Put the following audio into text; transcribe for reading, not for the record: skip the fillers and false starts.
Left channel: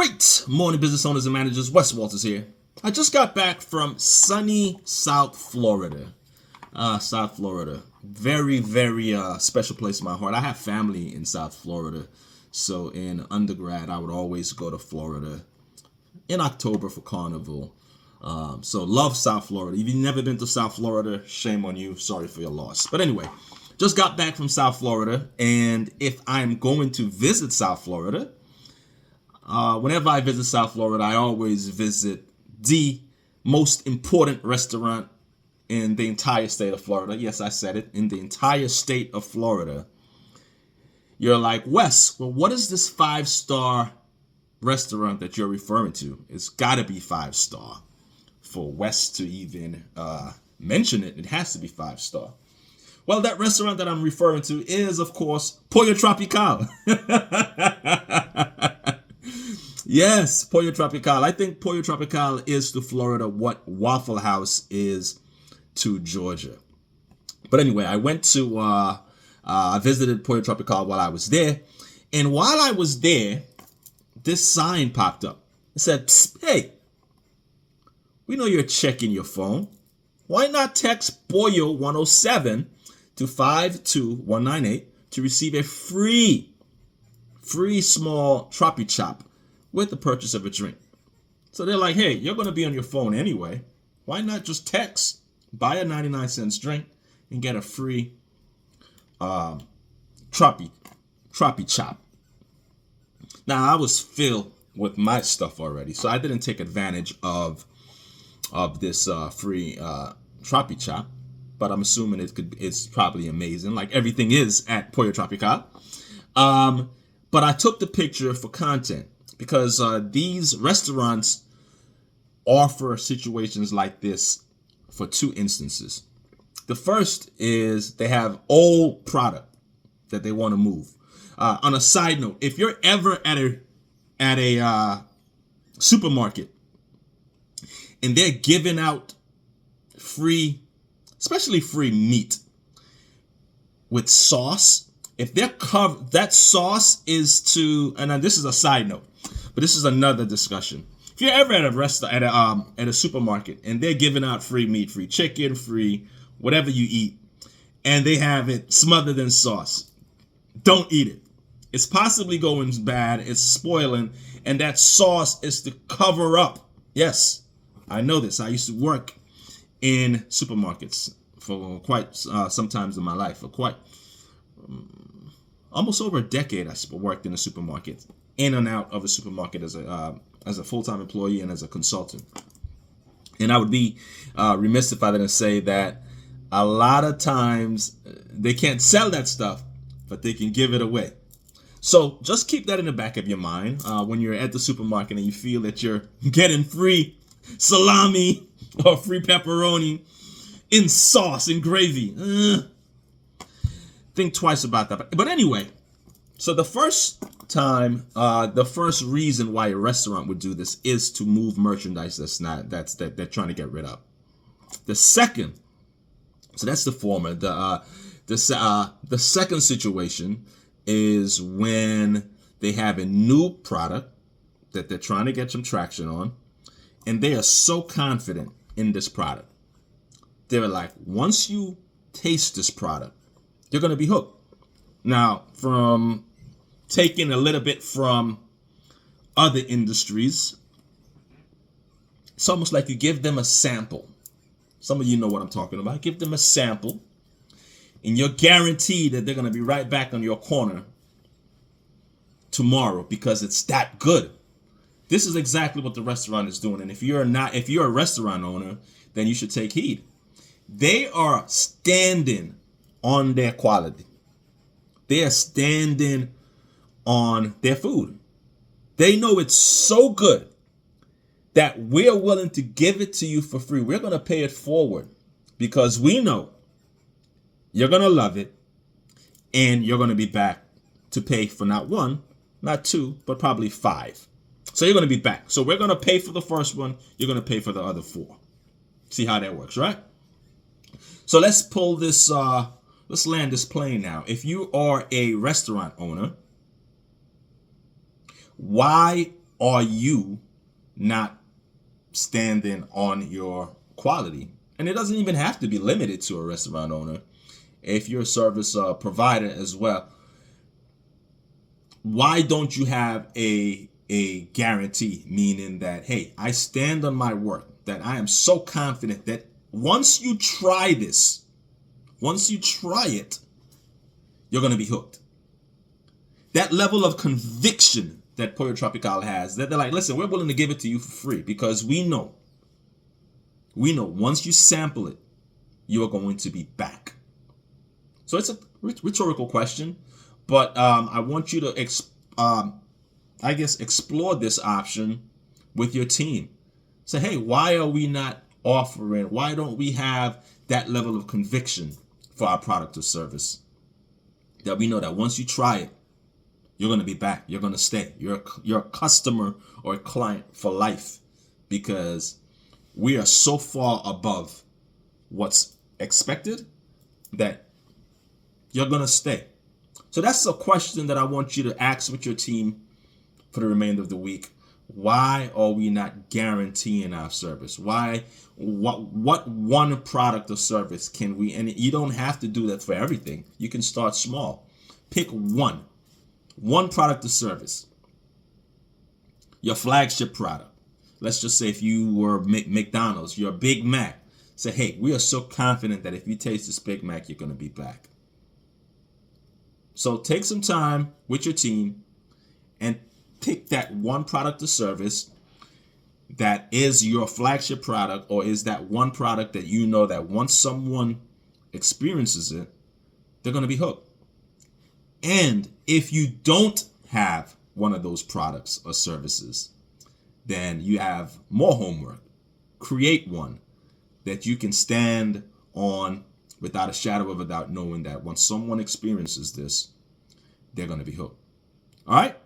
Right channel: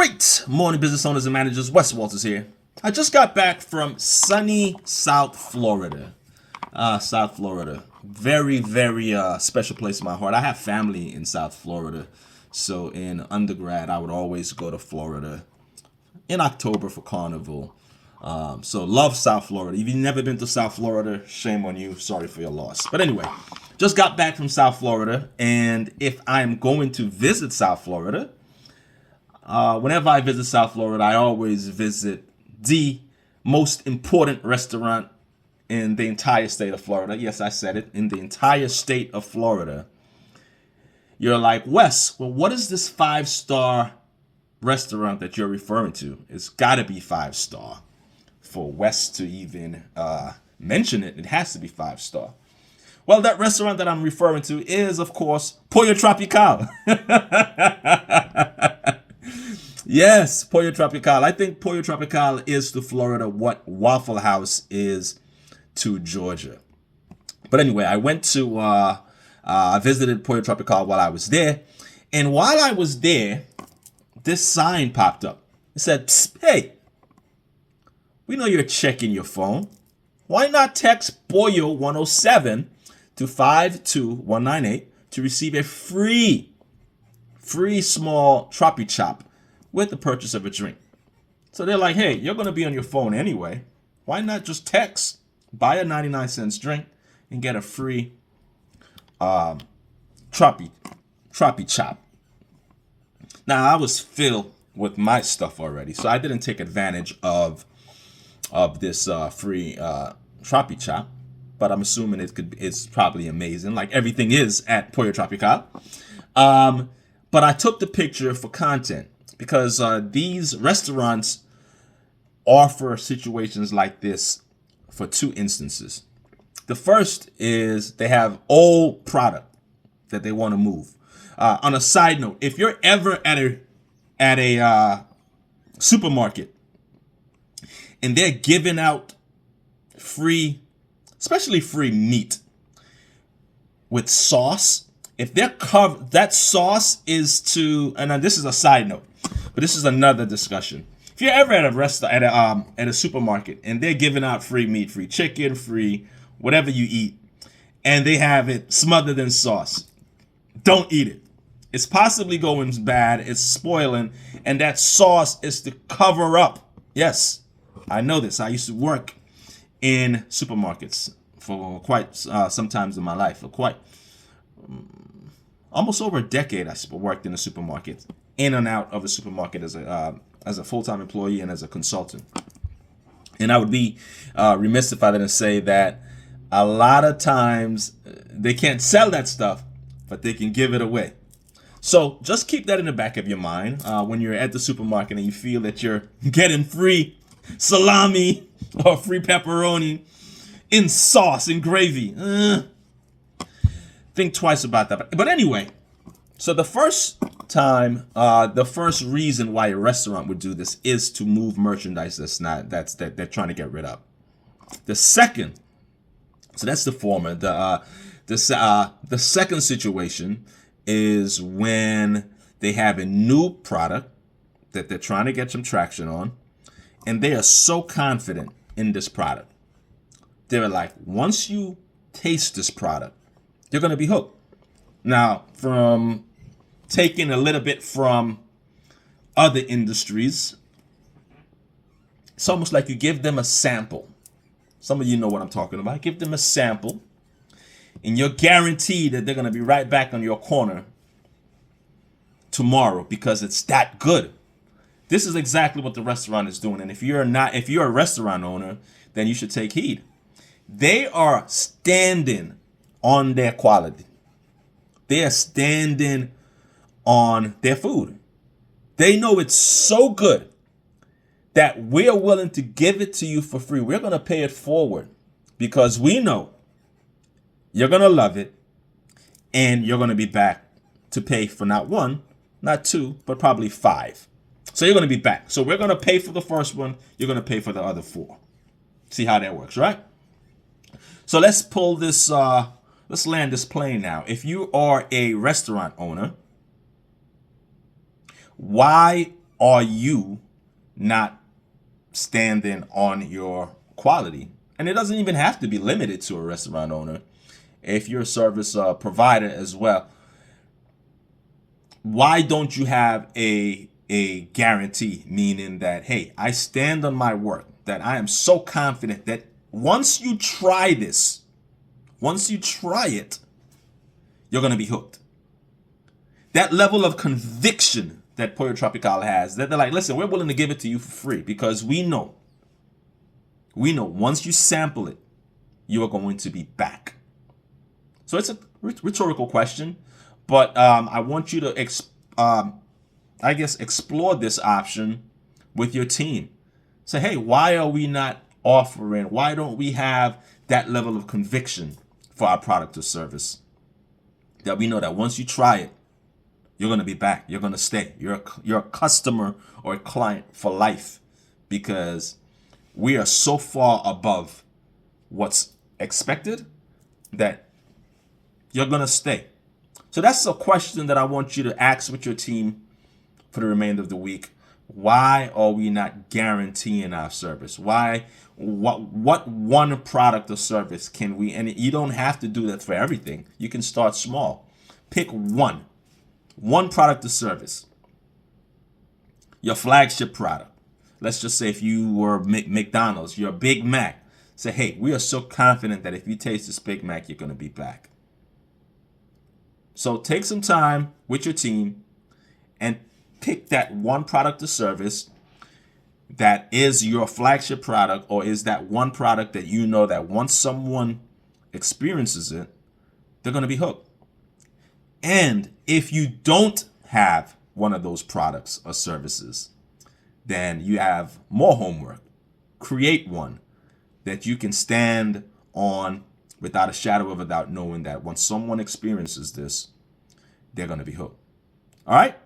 Great morning, business owners and managers. Wes Walters here. I just got back from sunny South Florida. South Florida. Very, very special place in my heart. I have family in South Florida. So in undergrad, I would always go to Florida in October for Carnival. So love South Florida. If you've never been to South Florida, shame on you. Sorry for your loss. But anyway, just got back from South Florida. And if I'm going to visit South Florida, whenever I visit South Florida, I always visit the most important restaurant in the entire state of Florida. Yes, I said it, in the entire state of Florida. You're like, Wes, well, what is this 5-star restaurant that you're referring to? It's got to be 5-star. For Wes to even mention it, it has to be 5-star. Well, that restaurant that I'm referring to is, of course, Pollo Tropical. Yes, Pollo Tropical. I think Pollo Tropical is to Florida what Waffle House is to Georgia. But anyway, I went to, I visited Pollo Tropical while I was there. And while I was there, this sign popped up. It said, hey, we know you're checking your phone. Why not text Pollo 107 to 52198 to receive a free small Tropi Chop with the purchase of a drink? So they're like, hey, you're going to be on your phone anyway. Why not just text, buy a 99-cent drink, and get a free Tropi Chop? Now, I was filled with my stuff already, so I didn't take advantage of this free Tropi Chop, but I'm assuming it's probably amazing, like everything is at Pollo Tropical. But I took the picture for content, because these restaurants offer situations like this for two instances. The first is they have old product that they want to move. On a side note, if you're ever at a supermarket and they're giving out free, especially free meat with sauce, if they're covered, that sauce is to, and this is a side note, but this is another discussion. If you're ever at a restaurant, at a supermarket, and they're giving out free meat, free chicken, free whatever you eat, and they have it smothered in sauce, don't eat it. It's possibly going bad. It's spoiling, and that sauce is to cover up. Yes, I know this. I used to work in supermarkets for quite sometimes in my life, for quite almost over a decade. I worked in a supermarket, in and out of a supermarket as a full-time employee and as a consultant. And I would be remiss if I didn't say that a lot of times they can't sell that stuff, but they can give it away. So just keep that in the back of your mind when you're at the supermarket and you feel that you're getting free salami or free pepperoni in sauce and gravy. Think twice about that. But anyway, so the first time, the first reason why a restaurant would do this is to move merchandise that they're trying to get rid of. The second, so that's the former. The second situation is when they have a new product that they're trying to get some traction on, and they are so confident in this product. They're like, once you taste this product, you're going to be hooked. Now, from taking a little bit from other industries, it's almost like you give them a sample. Some of you know what I'm talking about. Give them a sample, and you're guaranteed that they're going to be right back on your corner tomorrow because it's that good. This is exactly what the restaurant is doing. And if you're a restaurant owner, then you should take heed. They are standing on their quality. They are standing on their food. They know it's so good that we're willing to give it to you for free. We're going to pay it forward because we know you're going to love it and you're going to be back to pay for not one, not two, but probably 5. So you're going to be back. So we're going to pay for the first one. You're going to pay for the other 4. See how that works, right? So let's pull this, let's land this plane now. If you are a restaurant owner, why are you not standing on your quality? And it doesn't even have to be limited to a restaurant owner. If you're a service provider as well, why don't you have a guarantee, meaning that, hey, I stand on my work, that I am so confident that once you try this, once you try it, you're going to be hooked. That level of conviction that Pollo Tropical has, that they're like, listen, we're willing to give it to you for free because we know once you sample it, you're going to be back. So it's a rhetorical question, but I want you to, explore this option with your team. Say, hey, why are we not offering? Why don't we have that level of conviction for our product or service? That we know that once you try it, you're going to be back. You're going to stay. You're a customer or a client for life, because we are so far above what's expected that you're going to stay. So that's a question that I want you to ask with your team for the remainder of the week. Why are we not guaranteeing our service? What one product or service can we, and you don't have to do that for everything. You can start small. Pick one product or service. Your flagship product. Let's just say if you were McDonald's, your Big Mac. Say, hey, we are so confident that if you taste this Big Mac, you're going to be back. So take some time with your team and pick that one product or service that is your flagship product, or is that one product that you know that once someone experiences it, they're going to be hooked. And if you don't have one of those products or services, then you have more homework. Create one that you can stand on without a shadow of a doubt, knowing that once someone experiences this, they're going to be hooked. All right?